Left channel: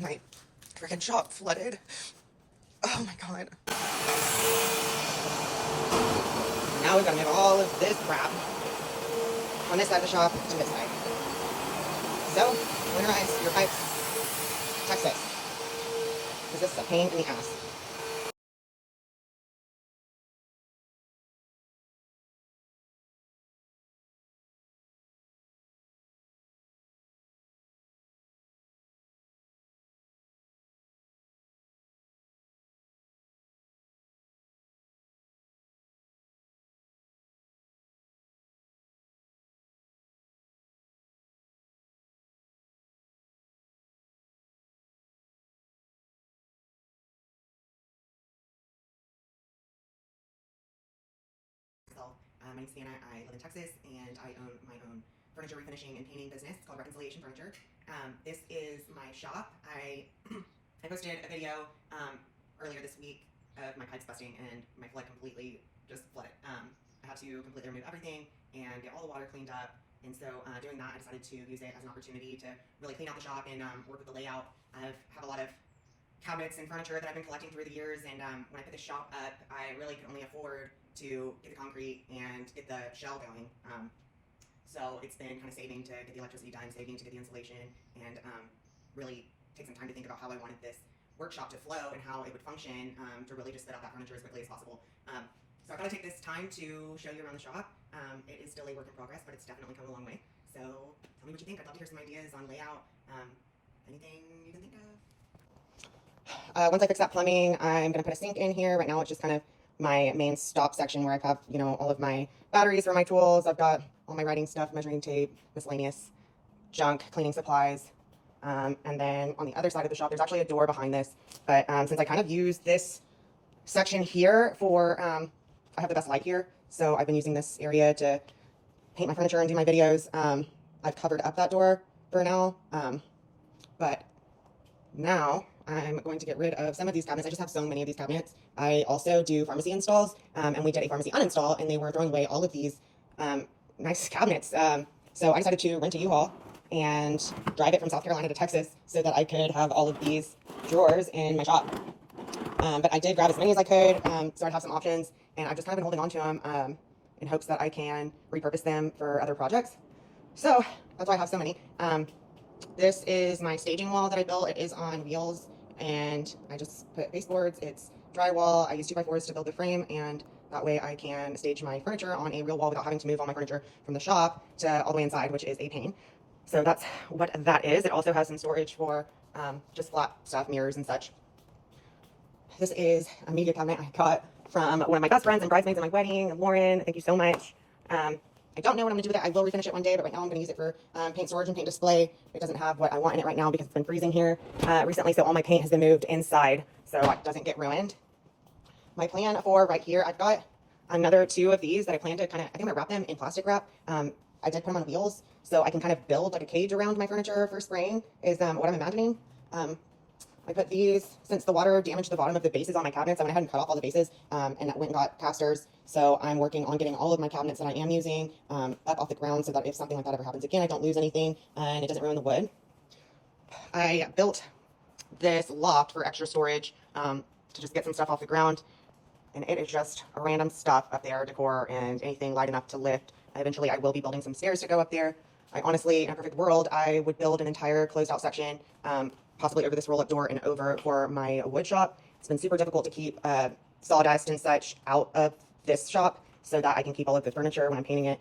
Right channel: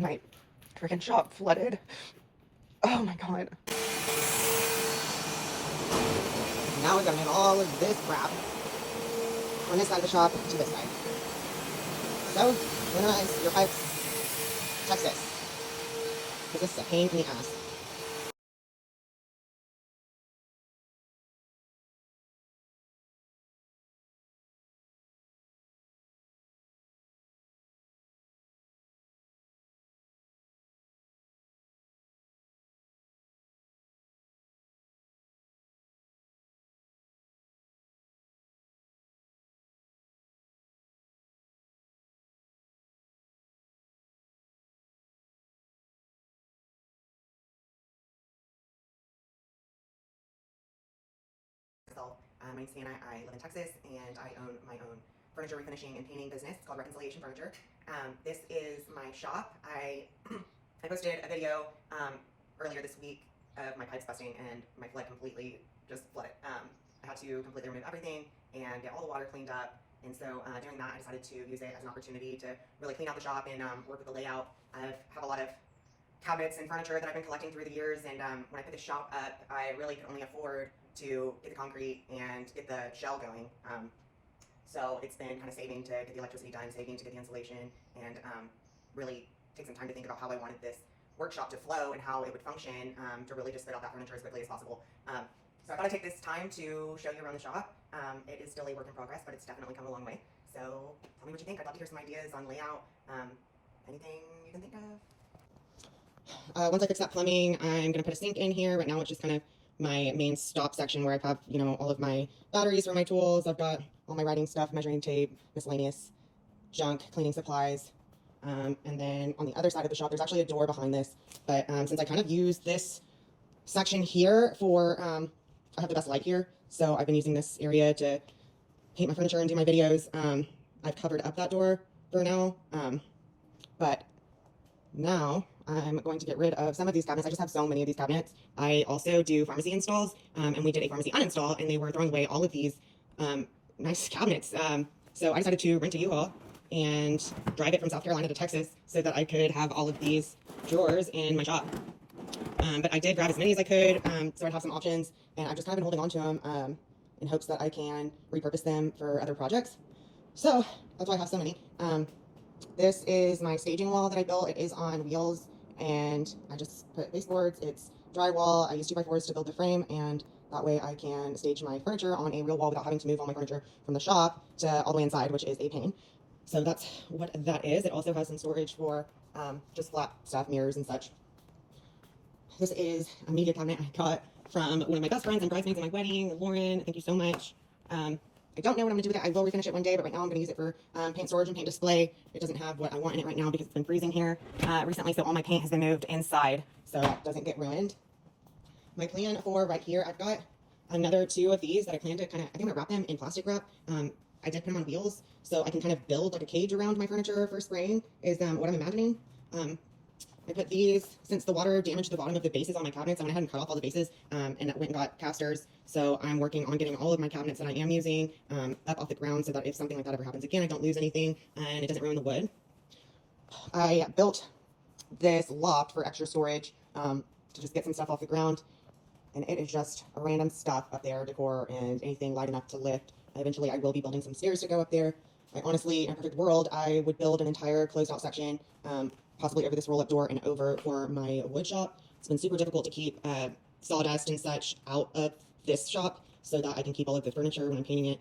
My freaking shop flooded. Oh my god. Now we've got to move all of this crap on this side of the shop to this side. So, winterize your pipes. Texas. This is a pain in the ass. My name's Hannah. I live in Texas and I own my own furniture refinishing and painting business called Reconciliation Furniture. This is my shop. I posted a video earlier this week of my pipes busting and my flood completely just flooded. I had to completely remove everything and get all the water cleaned up. And so doing that, I decided to use it as an opportunity to really clean out the shop and work with the layout. I have a lot of cabinets and furniture that I've been collecting through the years, and when I put the shop up, I really could only afford to get the concrete and get the shell going. So it's been kind of saving to get the electricity done, saving to get the insulation, and really take some time to think about how I wanted this workshop to flow and how it would function to really just fit out that furniture as quickly as possible. So I thought I'd take this time to show you around the shop. It is still a work in progress, but it's definitely come a long way. So tell me what you think. I'd love to hear some ideas on layout. Anything you can think of? Once I fix that plumbing, I'm going to put a sink in here. Right now it's just kind of my main stop section where I have, you know, all of my batteries for my tools. I've got all my writing stuff, measuring tape, miscellaneous junk, cleaning supplies. And then on the other side of the shop, there's actually a door behind this. But since I kind of use this section here for, I have the best light here. So I've been using this area to paint my furniture and do my videos. I've covered up that door for now. But now I'm going to get rid of some of these cabinets. I just have so many of these cabinets. I also do pharmacy installs, and we did a pharmacy uninstall, and they were throwing away all of these nice cabinets. So I decided to rent a U-Haul and drive it from South Carolina to Texas so that I could have all of these drawers in my shop. But I did grab as many as I could, so I'd have some options, and I've just kind of been holding on to them in hopes that I can repurpose them for other projects. So that's why I have so many. This is my staging wall that I built. It is on wheels, and I just put baseboards. It's drywall. I use 2x4s to build the frame, and that way I can stage my furniture on a real wall without having to move all my furniture from the shop to all the way inside, which is a pain. So that's what that is. It also has some storage for just flat stuff, mirrors and such. This is a media cabinet I got from one of my best friends and bridesmaids at my wedding, Lauren. Thank you so much. I don't know what I'm going to do with it. I will refinish it one day, but right now I'm going to use it for paint storage and paint display. It doesn't have what I want in it right now because it's been freezing here recently, so all my paint has been moved inside so it doesn't get ruined. My plan for right here, I've got another 2 of these that I plan to kind of, I think I'm going to wrap them in plastic wrap. I did put them on wheels so I can kind of build like a cage around my furniture for spraying is what I'm imagining. I put these, since the water damaged the bottom of the bases on my cabinets, I went ahead and cut off all the bases and went and got casters. So I'm working on getting all of my cabinets that I am using up off the ground so that if something like that ever happens again, I don't lose anything and it doesn't ruin the wood. I built this loft for extra storage to just get some stuff off the ground. And it is just random stuff up there, decor and anything light enough to lift. Eventually I will be building some stairs to go up there. I honestly, in a perfect world, I would build an entire closed out section possibly over this roll-up door and over for my wood shop. It's been super difficult to keep sawdust and such out of this shop so that I can keep all of the furniture when I'm painting it,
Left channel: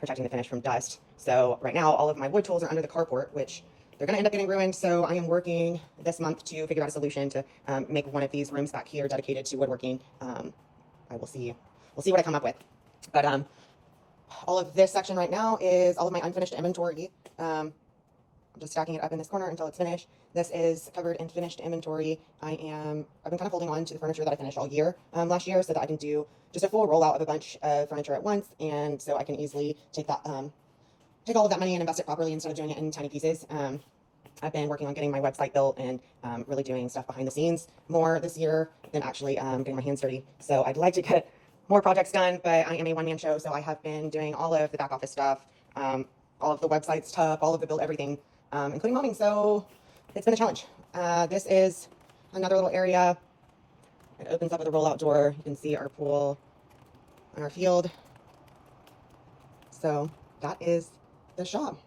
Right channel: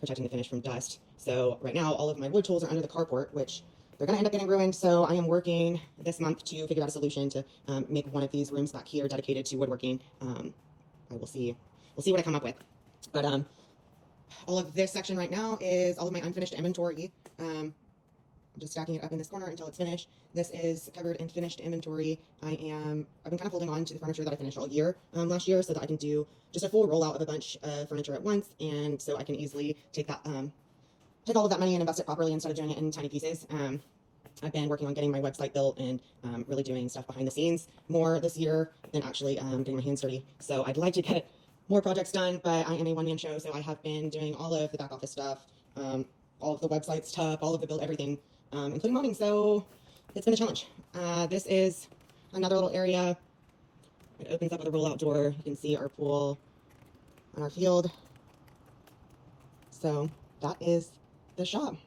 protecting the finish from dust. So right now, all of my wood tools are under the carport, which they're going to end up getting ruined. So I am working this month to figure out a solution to make one of these rooms back here dedicated to woodworking. I will see. We'll see what I come up with. But all of this section right now is all of my unfinished inventory. I'm just stacking it up in this corner until it's finished. This is covered and finished inventory. I've been kind of holding on to the furniture that I finished all year last year so that I can do just a full rollout of a bunch of furniture at once, and so I can easily take that take all of that money and invest it properly instead of doing it in tiny pieces. I've been working on getting my website built and really doing stuff behind the scenes more this year than actually getting my hands dirty. So I'd like to get more projects done, but I am a one-man show, so I have been doing all of the back office stuff, all of the website stuff, all of the build everything, including mobbing. So it's been a challenge. This is another little area. It opens up with a roll-out door. You can see our pool and our field. So that is the shop.